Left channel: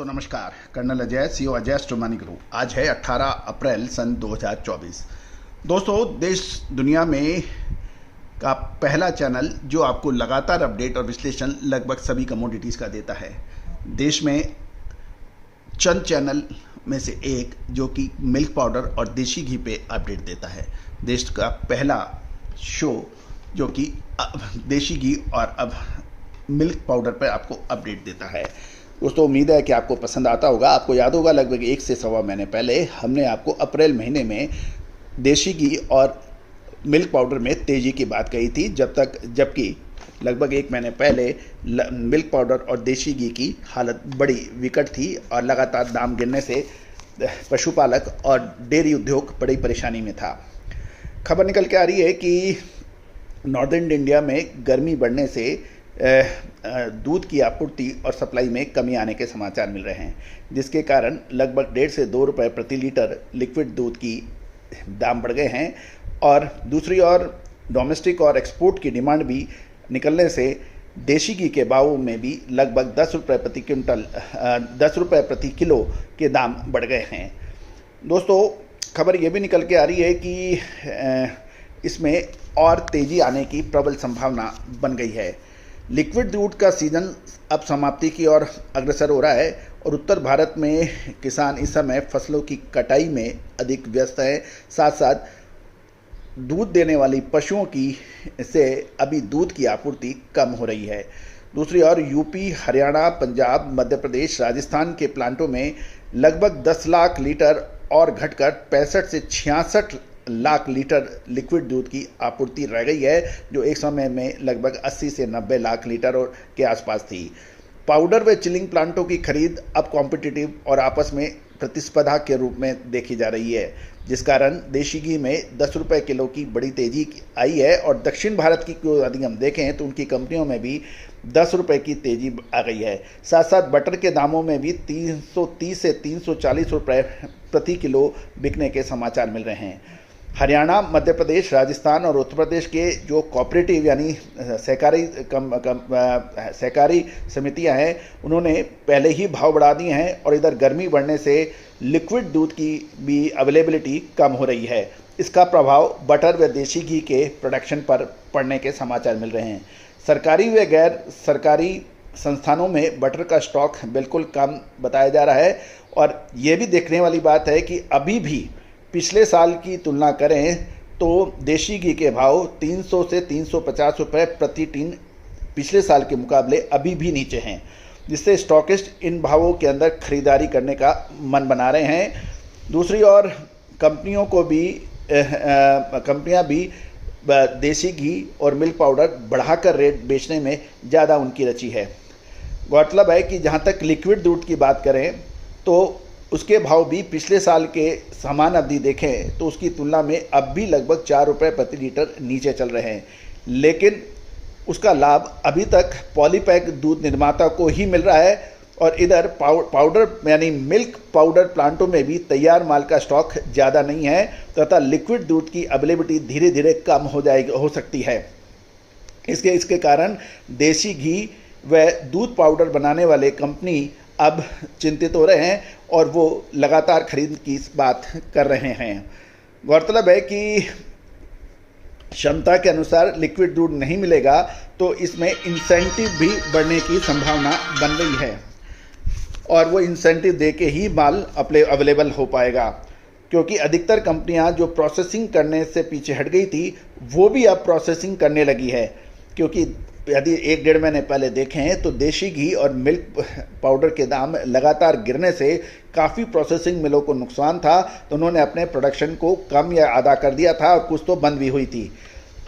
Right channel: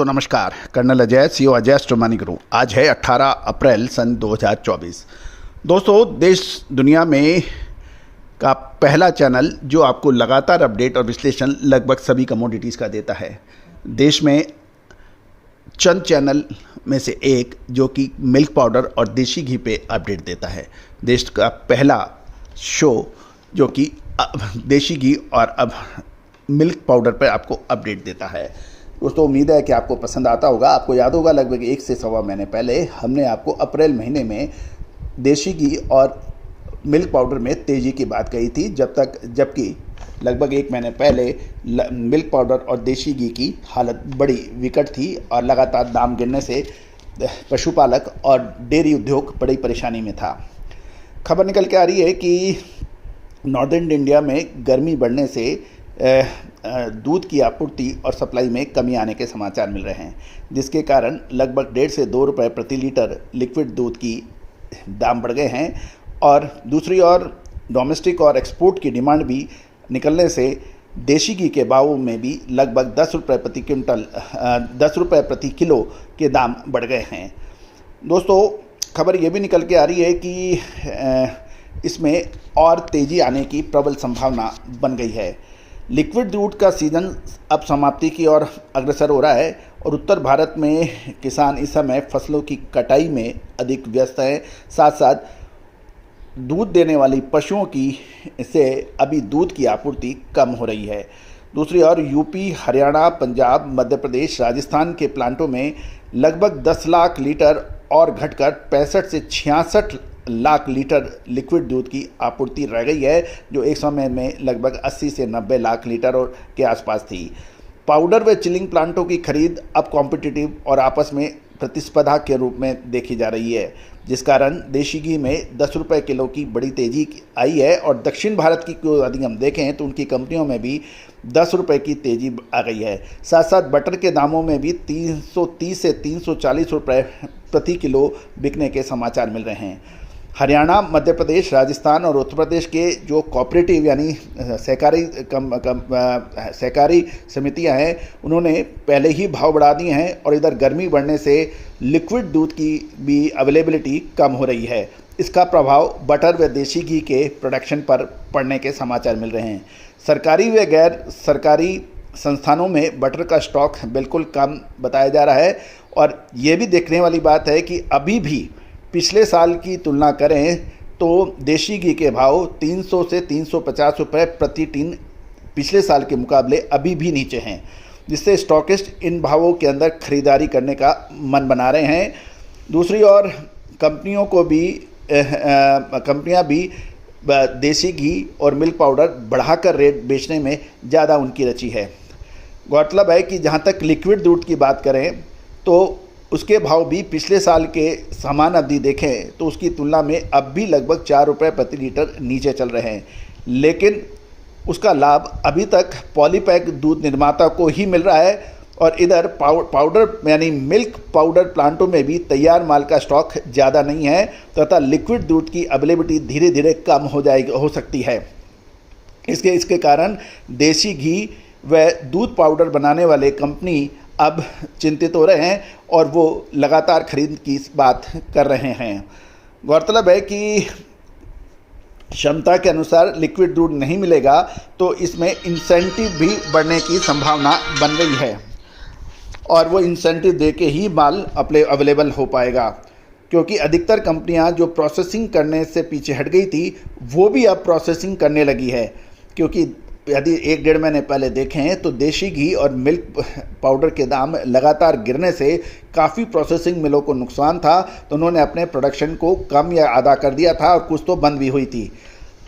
दोस्तों नमस्कार। Colonel Ajay, CO Ajay astro guru. आज है 18 अप्रैल सन 2024। दोस्तों, देश दुनिया में का पहला चैनल जो आपको लगातार अपडेट और विश्लेषण लगभग सभी कमोडिटीज़ का देता है। देश में चंद चैनल में से एक जो कि मिल्क पाउडर और देसी घी पे अपडेट देता है। देश का पहला शो जो कि देसी घी और अब मिल्क पाउडर पर आपको अपडेट देता है। दोस्तों, उम्मीद है कि आपको पसंद आता होगा। आपको याद होगा लगभग 1 से सवा महीने पहले हमने आपको अप्रैल महीने में देसी घी और मिल्क पाउडर में तेज़ी की बात कही थी, जबकि लगभग 1 महीने पहले मिल्क पाउडर और देसी घी की हालत बड़ी विकट थी और लगातार दाम गिरने से पशुपालक और डेयरी उद्योग बड़ी परेशानी में था। खबर निकल के आ रही है कि नॉर्दर्न इंडिया में गर्मी बढ़ने से दूध की आपूर्ति और सप्लाई में कमी आने के समाचार मिल रहे हैं, जिसके कारण लगभग 1.5 से 2 रुपये प्रति लीटर लिक्विड दूध की दाम बढ़ गए हैं। और दूसरी ओर डोमेस्टिक और एक्सपोर्ट की डिमांड भी निकलने से देसी घी के भाव में भी लगभग 10 रुपये प्रति किलो के दाम बढ़ गए हैं। दोस्तों, खबर ये भी निकल के आ रही है कि इसमें और तेज़ी आने की प्रबल संभावना बन गई है। लिक्विड दूध का सीज़न अब समाप्ति की ओर अग्रसर हो रहा है और उत्तर भारत में किसान इस समय फसलों की कटाई में अधिक व्यस्त हैं। साथ साथ दूध देने वाली पशुओं की से अभी दूध की आपूर्ति कम हो रही है। दूसरी ओर यूपी, हरियाणा, पंजाब, मध्य प्रदेश, राजस्थान के प्लांटों में लगभग 10 लाख लीटर और घटकर 65 से 66 लाख लीटर लिक्विड दूध की आपूर्ति रह गई है, जो एक समय में लगभग 80 से 90 लाख लीटर और के आसपास थी। पाउडर व चिलिंग प्लांटों की खरीद अब कॉम्पिटिटिव और आपस में प्रतिस्पर्धा के रूप में देखी जा रही है, जिस कारण देसी घी में 10 रुपये किलो की बड़ी तेजी आई है। और दक्षिण भारत की यदि हम देखें तो उनकी कंपनियों में भी 10 रुपये की तेजी आ गई है। साथ साथ बटर के दामों में भी 330 से 340 रुपये प्रति किलो बिकने के समाचार मिल रहे हैं। हरियाणा, मध्य प्रदेश, राजस्थान और उत्तर प्रदेश के जो कोऑपरेटिव यानी सहकारी समितियां हैं, उन्होंने पहले ही भाव बढ़ा दिए हैं और इधर गर्मी बढ़ने से लिक्विड दूध की भी अवेलेबिलिटी कम हो रही है। इसका प्रभाव बटर व देसी घी के प्रोडक्शन पर पड़ने के समाचार मिल रहे हैं। सरकारी व गैर सरकारी संस्थानों में बटर का स्टॉक बिल्कुल कम बताया जा रहा है। और ये भी देखने वाली बात है कि अभी भी पिछले साल की तुलना करें तो देसी घी के भाव 300 से 350 रुपये प्रति टिन पिछले साल के मुकाबले अभी भी नीचे हैं, जिससे स्टॉकिस्ट इन भावों के अंदर खरीदारी करने का मन बना रहे हैं। दूसरी ओर कंपनियां भी देसी घी और मिल्क पाउडर बढ़ाकर रेट बेचने में ज़्यादा उनकी रुचि है। गौरतलब है कि जहाँ तक लिक्विड दूध की बात करें तो उसके भाव भी पिछले साल के समान अवधि देखें तो उसकी तुलना में अब भी लगभग 4 रुपये प्रति लीटर नीचे चल रहे हैं, लेकिन उसका लाभ अभी तक पॉलीपैक दूध निर्माता को ही मिल रहा है। और इधर पाउडर यानी मिल्क पाउडर प्लांटों में भी तैयार माल का स्टॉक ज़्यादा नहीं है तथा लिक्विड दूध की अवेलेबिलिटी धीरे धीरे कम हो सकती है। इसके कारण देसी घी व दूध पाउडर बनाने वाले कंपनी अब चिंतित हो रहे हैं और वो लगातार खरीद की बात कर रहे हैं। गौरतलब है कि क्षमता के अनुसार लिक्विड दूध नहीं मिलेगा तो इसमें इंसेंटिव भी बढ़ने की संभावना बन रही है और वो इंसेंटिव दे के ही माल अवेलेबल हो पाएगा, क्योंकि अधिकतर कंपनियां जो प्रोसेसिंग करने से पीछे हट गई थी वो भी अब प्रोसेसिंग करने लगी है। क्योंकि यदि 1-1.5 महीने पहले देखें तो देसी घी और मिल्क पाउडर के दाम लगातार गिरने से काफ़ी प्रोसेसिंग मिलों को नुकसान था, तो उन्होंने अपने प्रोडक्शन को कम या आधा कर दिया था और कुछ तो बंद भी हुई थी।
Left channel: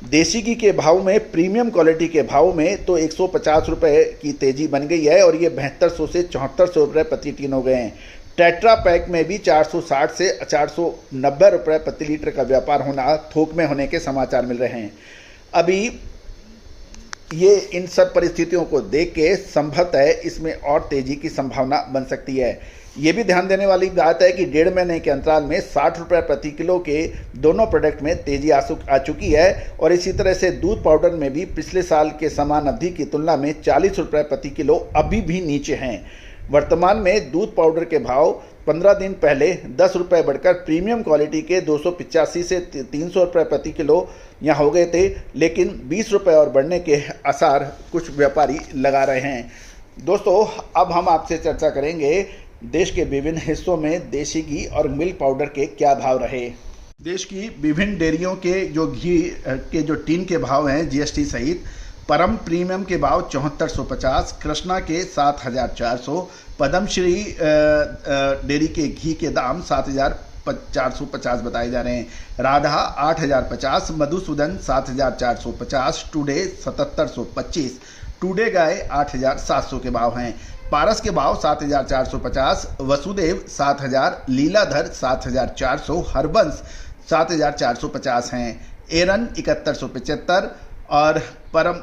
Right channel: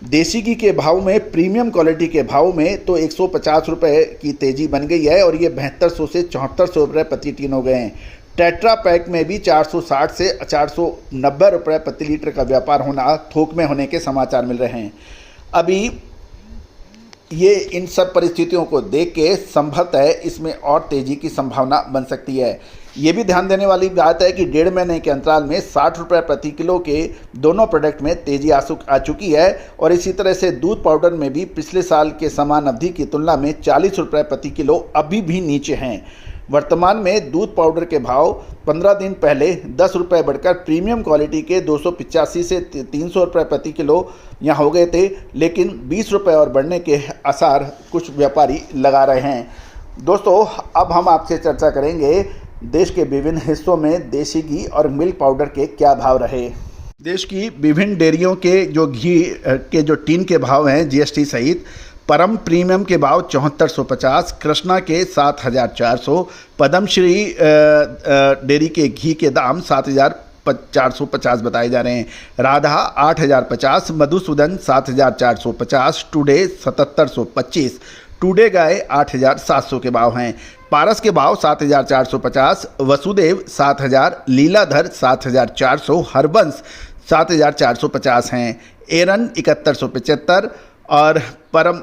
देसी घी के भाव में, प्रीमियम क्वालिटी के भाव में तो 150 रुपये की तेज़ी बन गई है और ये 7200 से 7400 रुपये प्रति टिन हो गए हैं। टेट्रा पैक में भी 460 से 490 रुपये प्रति लीटर का व्यापार होना, थोक में होने के समाचार मिल रहे हैं। अभी ये इन सब परिस्थितियों को देख के संभवतः इसमें और तेज़ी की संभावना बन सकती है। ये भी ध्यान देने वाली बात है कि 1.5 महीने के अंतराल में 60 रुपये प्रति किलो के दोनों प्रोडक्ट में तेज़ी आ चुकी है और इसी तरह से दूध पाउडर में भी पिछले साल के समान अवधि की तुलना में 40 रुपये प्रति किलो अभी भी नीचे हैं। वर्तमान में दूध पाउडर के भाव 15 दिन पहले 10 रुपये बढ़कर प्रीमियम क्वालिटी के 285 से 300 रुपये प्रति किलो यहाँ हो गए थे, लेकिन 20 रुपये और बढ़ने के आसार कुछ व्यापारी लगा रहे हैं। दोस्तों, अब हम आपसे चर्चा करेंगे देश के विभिन्न हिस्सों में देसी घी और मिल्क पाउडर के क्या भाव रहे। देश की विभिन्न डेयरियों के जो घी के जो टीन के भाव हैं जीएसटी सहित, परम प्रीमियम के भाव 7450, कृष्णा के 7400, पद्मश्री डेयरी के घी के दाम 7450 बताए जा रहे हैं, राधा 8050, मधुसूदन 7450, टुडे 7725, टुडे गाय 8700 के भाव हैं, पारस के भाव 7450, वसुदेव 7000, लीलाधर 7400, हरबंस 7450 हैं, एरन 7175 और परम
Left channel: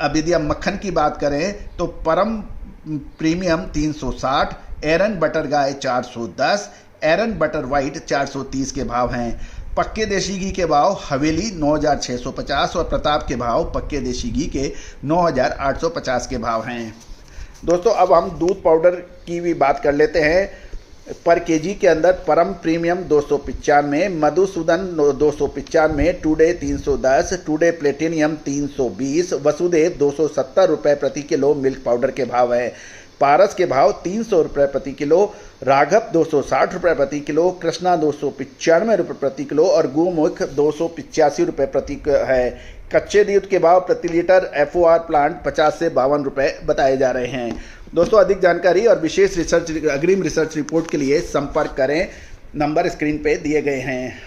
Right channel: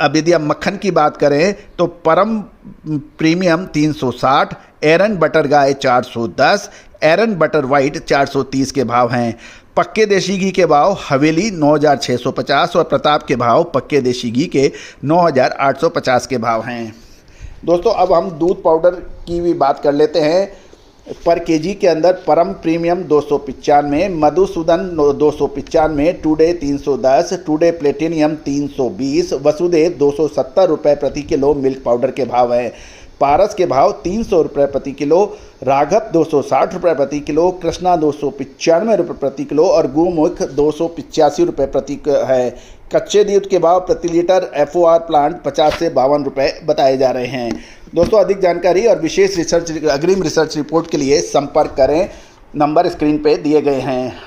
अब यदि हम मक्खन की बात करें तो परम प्रीमियम 360, एरन बटर गाय 410, एरन बटर वाइट 430 के भाव हैं। पक्के देशी घी के भाव हवेली 9650 और प्रताप के भाव पक्के देशी घी के 9850 के भाव हैं। दोस्तों, अब हम दूध पाउडर की भी बात कर लेते हैं। पर केजी के अंदर परम premium 295, Madhusudan 295, today 310, today platinum 320, Vasudev 270 रुपये प्रति किलो मिल्क पाउडर के भाव हैं। पारस के भाव 300 रुपये प्रति किलो, राघव 260 रुपये प्रति किलो, कृष्णा 295 रुपये प्रति किलो और गुरुमुख 285 रुपये प्रति है। कच्चे दूध के भाव प्रति लीटर FOR प्लांट 50 से 52 रुपये बताए जा रहे हैं। दोस्तों, अधिक जानकारी और विशेष रिसर्च अग्रिम रिसर्च रिपोर्ट के लिए संपर्क करें, नंबर स्क्रीन पे दिए गए हैं।